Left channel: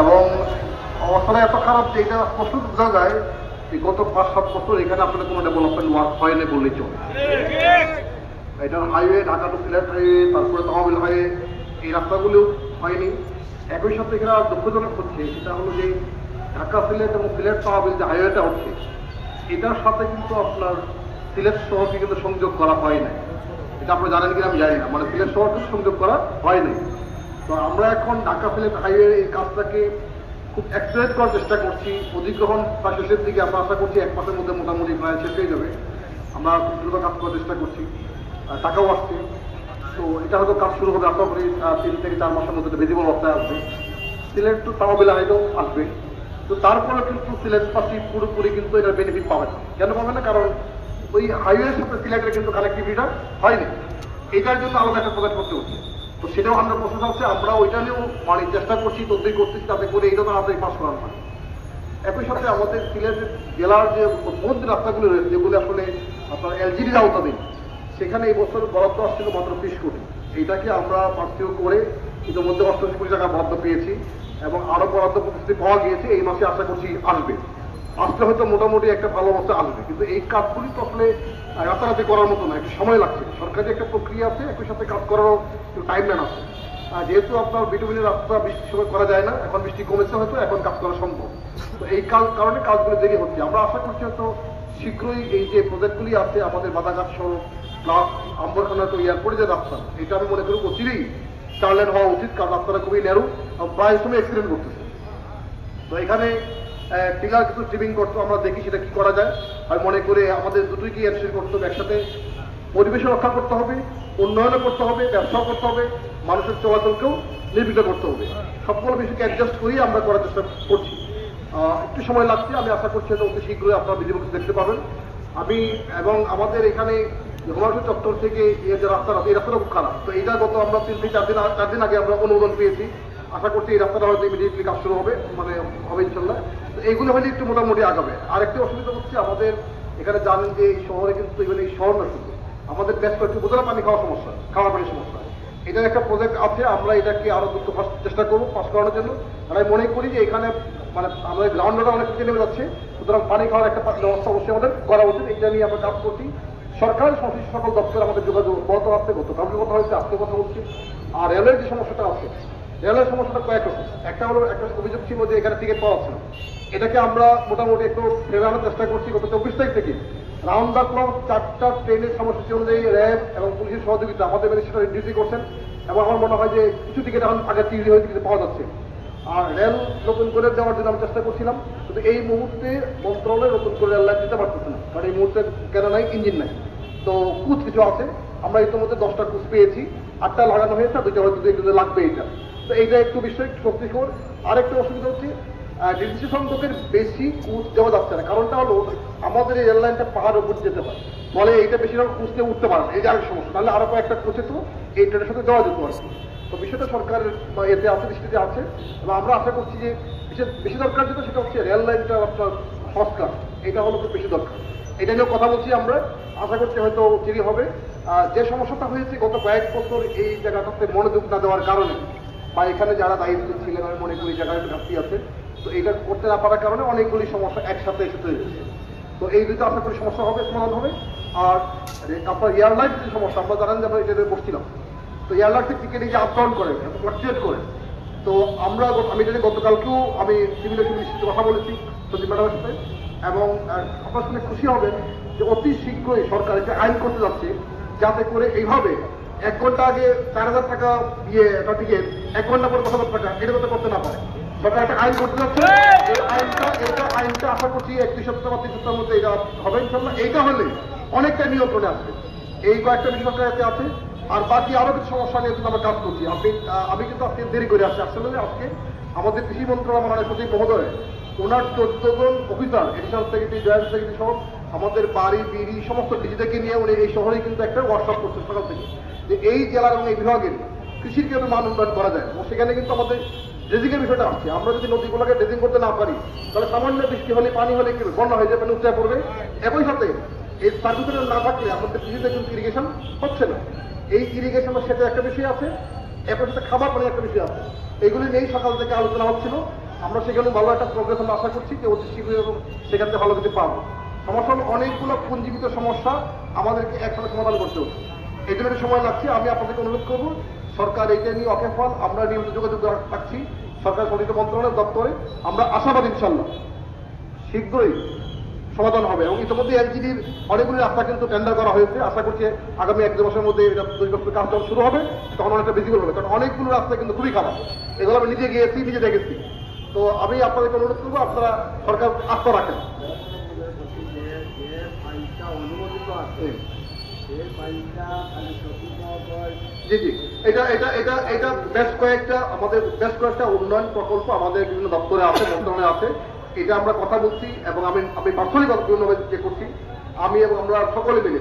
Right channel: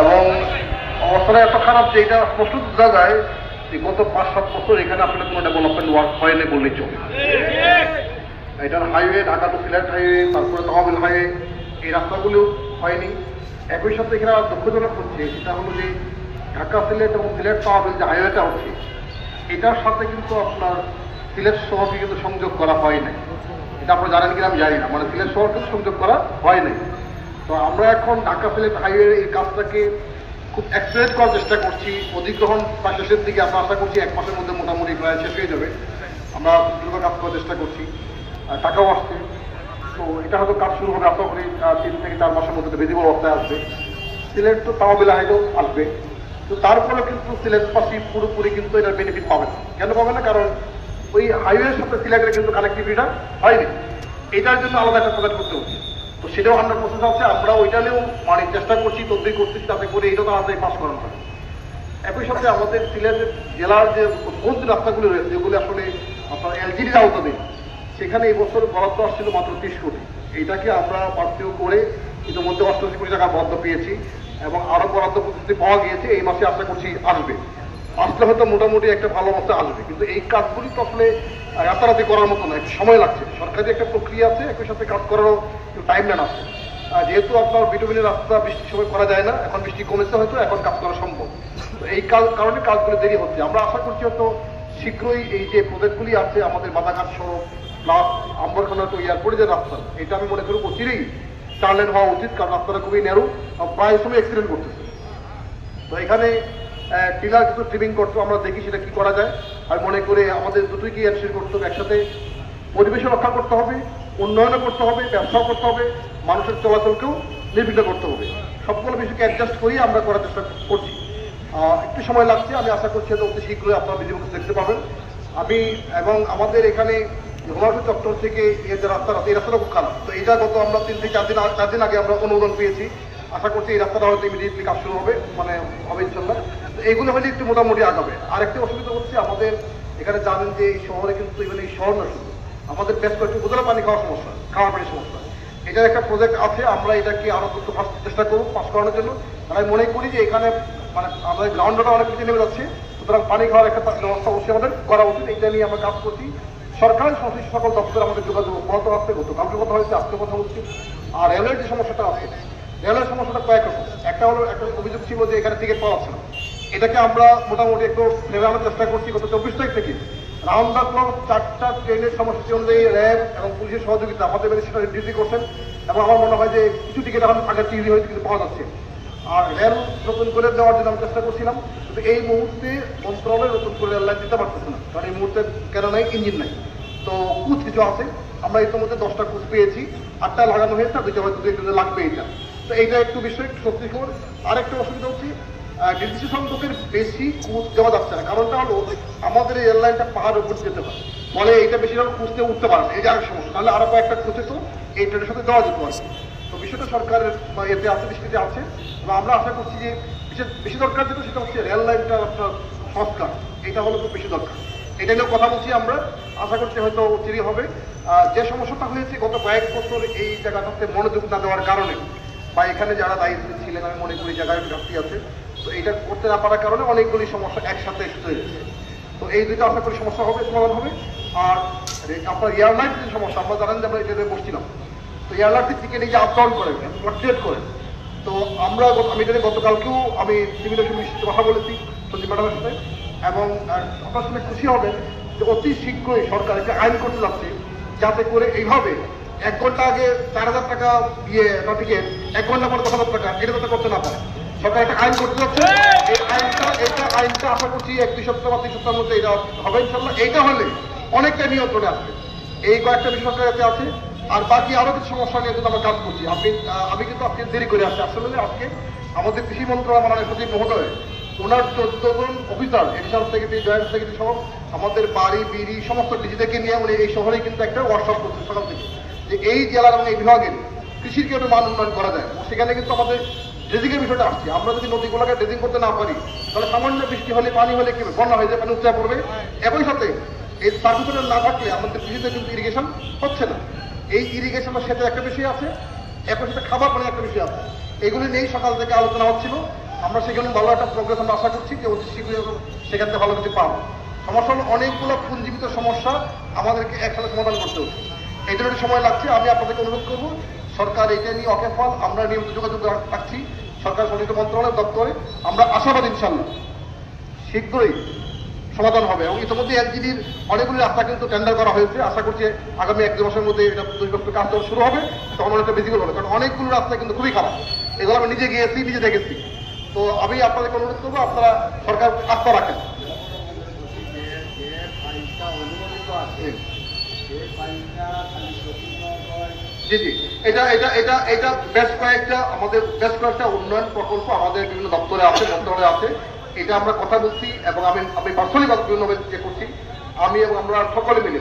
এবং অবস্থাটা এত খারাপ যে এটা স্পষ্ট বোঝা যায় যে গত 5-7 বছর এখানে আসলে কোনো ডেভেলপমেন্ট ওয়ার্ক হয়নি বললেই চলে। এটার highway, Dhaka to Sylhet highway, তারপরে তহবিল হাইওয়ে, এই রাস্তাগুলো হয়নি। একই সাথে এখানে দুঃখজনক হচ্ছে সেটা হলো যে ঢাকা সিলেট এবং সিলেট তহবিল যে হাইওয়েটা হচ্ছে এটার সাথে কিন্তু আপনার সিলেট শহরকে কিন্তু সংযোগ করা হয় নাই। এটা আপনারা জানেন কিনা আমি জানি না, মানে সিলেট শহরকে সংযোগ করা হয় নাই। তো আমরা এখন ঢাকা সিলেট হাইওয়ের এই কাজটাকে খুব অ্যাক্সিলেট করার চেষ্টা করছি। অধিগ্রহণ বা শেষের দিকে আমরা আশা করছি 1 মাসের মধ্যে মোটামুটি প্রায় শেষ হয়ে যাবে। আমরা দ্রুত কাজ করার চেষ্টা করছি, টাকাও আসছে। তো এটা হয়তো কাজ শুরু হবে আশা করি 3 থেকে 4 মাসের মধ্যে ভিজিবল অবস্থায় আসবে। সিলেট তো তহবিল হাইওয়েও আসবে। তো তারপরে কিন্তু সিলেটবাসী পুরোপুরি কিন্তু এটার বেনিফিট পাবে না। কেন পাবে না? কারণ ওই হাইওয়ের সাথে সিলেটের কিন্তু কানেক্টিভিটিটা হয়নি। এটার জন্য আলাদা একটা প্রজেক্ট করতে হবে। তো সেটাও 100% আছে। আমরা ওইটা নিয়েও মানে চেষ্টা করছি, তদবির করতেছি যাতে করে এইরকম আমাদের পাস করানো হয়। একই সাথে আমাদের সিলেট জেলার যে মূল রাস্তাগুলো রয়েছে যেগুলো আসলে আপনার এলজিডির আওতাধীন, সেখানে এই বছর বরাদ্দ আসছিল মাত্র 30 কোটি। এইটাকে আমরা বাড়তিও করে ইতিমধ্যে 88 কোটি টাকা বরাদ্দ পেয়েছি এবং আরো বরাদ্দ প্রতিশ্রুতি পাওয়া গিয়েছে। এই মাসে আশা করছি আসবে। আসলে হয়তো মোটামুটি একটা ভালো অবস্থা আসবে। কিন্তু এই কাজগুলি তো আসলে রাতারাতি করার মতো না, একটু সময় লাগছে। সরকারি একটা প্রক্রিয়া আছে, একই সাথে কাজ করারও একটু টাইম লাইন আছে। যেহেতু আপনার বিটুমিনের রাস্তা বৃষ্টির সময় করা যায় না, এখন বৃষ্টি কমেছে হয়তো, এখন কাজ করা সম্ভব। তো এই কারণে কাজগুলো দেরি হচ্ছে। আমরা আশা করছি হয়তো শীঘ্রই এই যে প্রজেক্টগুলি আছে আমাদের বাধাঘাট সড়ক প্লাস আম্বরখানা টু এয়ারপোর্টে যে রাস্তা, এটা আমি মনে করি অচিরেই 4 লেন হওয়া উচিত। কারণ রাস্তাটা খুবই ন্যারো, প্রায় সময় অ্যাক্সিডেন্ট করতেছে। তো এখানে টিলার কিছু ট্রিমিং করতে আমরা দেখি সেটা কি করা যায়। আমি মনে করি আমাদের দুটোই এনশিওর করতে হবে, একসাথে পরিবেশ রক্ষা করতে হবে, উন্নয়নও করতে হবে, ব্যবসাও করতে হবে, মানুষের চলাচলকেও নির্বিঘ্ন করতে হবে। সবগুলো বিষয়কে অ্যাডজাস্ট করেই আমরা করার চেষ্টা করছি। একটু সময় লাগছে, আমি আশা করছি যে অতি শীঘ্রই আপনারা ভিডিও দেখতে পাবেন। আমি এবং আমাদের এখানে হোমিওপ্যাথি দপ্তর থেকে এই যে রাস্তা আছে, এই রাস্তাটা খুব খারাপ। তো এটা গত আমরা 3 থেকে 4 দিন আগে আমরা অনুমোদন পেয়েছি। আশা করছি এই রাস্তাটা হয়তো ইমিডিয়েটলি কাজ শুরু হবে, মানে হবে ইনশাল্লাহ। এইগুলো হলে একটু মোটামুটি আগাবে। আরেকটি অসুবিধা হচ্ছে আমাদের এখানে জানেন যে এই শহরে কিন্তু এগুলো এই শহর নয়, শুধু আমাদের বেশ কয়েকটি উপজেলা পানি খাওয়ার সমস্যা, খাওয়া পানির সমস্যা। এটার একটা প্রজেক্ট আছে, আমরা এটাকে আরো দ্রুত চেষ্টা করবো পাস করানোর জন্য। আর আমি মনে করি যে এখানে মানে আমাদের গ্রাউন্ডটা অনেক কিছু নেমে যাচ্ছে, সুতরাং পানি খাওয়ার একটা ব্যবস্থা অবশ্যই আমাদের করা উচিত। এটা নিয়ে আমরা কাজ করছি। সরকারি সংশ্লিষ্ট সকল দপ্তরে আমাদের যোগাযোগ বলতে আসছে, কাউকে কথা হয়েছে, আজকে কথা হচ্ছে। আর রেলের যে সমস্যাটা আছে, রেলের সমস্যাটা কয়েক রকম। একটা হলো একটা অভিযোগ ছিল যে এখানে টিকিট পাওয়া ছিল, এটাকে আমরা মোটামুটি একটু ফেরানোর চেষ্টা করছি। গত 24 তারিখ থেকে রাউন্ড দ্য ক্লক 4টা ট্রেনের সময়সূচি অনুযায়ী র্যাব এবং পুলিশের সহযোগিতা আমাদের সেটা ডিউটি করছেন। এবং আমার মনে হয় যে কিছু টিকিট এখন আগে টিভি হয়েছে, কিছু পাওয়া যাচ্ছে। আর রেল নতুন করে দেওয়ার জন্য আমি চেষ্টা করছিলাম, কিন্তু এই মুহূর্তে মন্ত্রণালয় নতুন করে রেল লাইন দিতে পারতেছে না। কারণ এই মুহূর্তে কেন নাই, ইঞ্জিন নাই। তো কুচ কিছু আছে, আমরা ইতিমধ্যে 10টা কুচ পেয়েছি, 8টা লাগানো হয়েছে, 2টা হয়তো 2 লাগবে। এটা তো এইটা একটু বিষয় শক্তিশোর। আরেকটা অসুবিধা হচ্ছে নির্দিষ্ট সংখ্যকের বেশি কুচ দেওয়া যাচ্ছে না। কারণটা হলো আমাদের এই রেললাইনটা পাহাড়ের উপর যেতে হয়, ফলে এইটা বেশিরভাগ কুচতে উঠতে পারে না। এই যে আরেক সমস্যা, তাহলে আরো কয়েকটা কুচে তো এই ট্রেনের সাথে দেওয়া যেতে পারে। তো বিষয়টা সরকারের এতে আছে, দৃষ্টিতে আছে। এবং আমরা আশা করছি যে বেশি দরকার যেটা সেটা হচ্ছে রেল লাইনটা আপনার সংস্কার, এটা হলো খুব বেশি দরকার। এটা নিয়ে কথা বলছি আমরা, আশা করছি হয়তো চিরি হবে। যে সমস্যাটা হয়েছে গত কয়েক বছর এই জায়গাটাতে মনোযোগ না দেওয়ার কারণে, বা এখানে যারা দায়িত্ব ছিলেন আমি মনে করি জায়গায় একটু ঘাটতি আছে। তো এইটা করতে না পারার কারণে অনেকগুলি সমস্যা একসাথে তৈরি হয়েছে। তো এই দুটো আশা করি সমস্যা হবে, সমাধান হবে। আর আপনার এয়ারলাইন কিছু সমস্যা, আমরা জানেন যে আমরা এটা বসছিলাম। তো এয়ারলাইনের টিকিট এই যে আপ ডাউন করে, ফ্লাকচুয়েট করে। তো আমি জানি গতকালকেও আমি সিভিল মিনিস্ট্রিতে কথা বলেছি সঞ্জীব ম্যাডামের সাথে, এবং আপনার শুনে খুশি হবেন যে অতি শীঘ্রই সরকার একটা আইন করতে যাচ্ছে, যাতে করে এইভাবে 1 ঘন্টা আগে 4000 টাকা দিয়ে টিকিট, 1 ঘন্টা পর 10,000 টাকা, এটা তো করতে না পারে। সরকার একটা আইন করতে যাচ্ছে। এই আইনটা আশা করছি 1-2 সপ্তাহ বা 3 সপ্তাহের মধ্যে এটা হবে ইনশাল্লাহ। এইটা হলে অনেকটা নিয়ন্ত্রণে আসবে। এই কয়েকটা বিষয় সরকার আছে। আর বাকি আরো কিছু সমস্যা নিয়ে কিন্তু আমরা কাজ করছি। আমি কিন্তু আজকে দেরি করে আসছি। আসলে আজকে আমাদের কৃষি মন্ত্রণালয় মাননীয় সচিব মহোদয়, ওনার 14 জন officer, additional secretary, joint secretary সহ আমাদের বাড়ি বিড়ি সমস্ত ডিজিটাকে নিয়ে উনি এই শহরে কিন্তু একটা ওয়ার্কশপ করছেন সকাল থেকে, যে এই জেলার এবং এই বিভাগের কৃষির কিভাবে মান উন্নয়ন করা যায়। এবং সেখানে কিন্তু আমাদের ড্রেজিংয়ের বিষয়টা আসছে। আমরা যদি নদীগুলোকে ড্রেজিং করতে না পারি, তাহলে সামান্য বৃষ্টি হলে, পানি হলে কি বন্যা হয়ে যায়, পানি উচ্চা পড়বে। একই সাথে এই সার্ভিসের না থাকলে আমাদের কৃষিতে কিন্তু ইরিগেশন হচ্ছে না। এই ইরিগেশনের সাথে একটা বিষয় আছে, এখন সাথে খাবার পানির একটা বিষয় আছে। এগুলি নিয়েই সকাল থেকে আলোচনা হচ্ছিল। আমরা সেখানে ভালো একটা প্রোগ্রেস আমরা আশা করছি যে অতি শীঘ্রই সেখান থেকে ভালো কিছু পাবো। সমস্যা হলো অনেকগুলো পুঞ্জীবিত সমস্যা আমাদেরকে একসাথে সমাধান করতে হচ্ছে, এই জন্য সময় লাগছে। আমি আপনাদেরকে অনুরোধ করবো, সরকার এটা নিয়ে অকেফল, আমরা নিয়মিত যোগাযোগ রাখছি সরকার সংশ্লিষ্ট মন্ত্রণালয় দপ্তরে। আমরা আশাবাদ ইনশাল্লাহ শীঘ্রই সমাধান হবে। এবং ইতিমধ্যে এলজিডির অনেকগুলি রাস্তা কিন্তু টেন্ডার করা হয়েছে, আশা করছি আগামী 1-2 মাসের মধ্যে এটা কাজ শুরু হবে, তখন অনেকটা ভিজিবল হবে। কারণ অনেকগুলো রাস্তা কিন্তু খুবই খারাপ, এগুলো আমি নিজে গিয়েছি, নিজে দেখেছি। তো আমি আপনাদেরকে অনুরোধ করবো, আপনারা সরকার আস্থা রাখেন। জি জি, এটা বেশ কয়েকটা উন্নয়ন প্রকল্প আমাদের বিভিন্ন দপ্তরে আছে, মন্ত্রণালয়ে আছে। এটা আমরা কথা বলছি এবং আমি পার্সোনালি বিভিন্নভাবে যে করছি, আমি এবং আমরা সকলে মিলে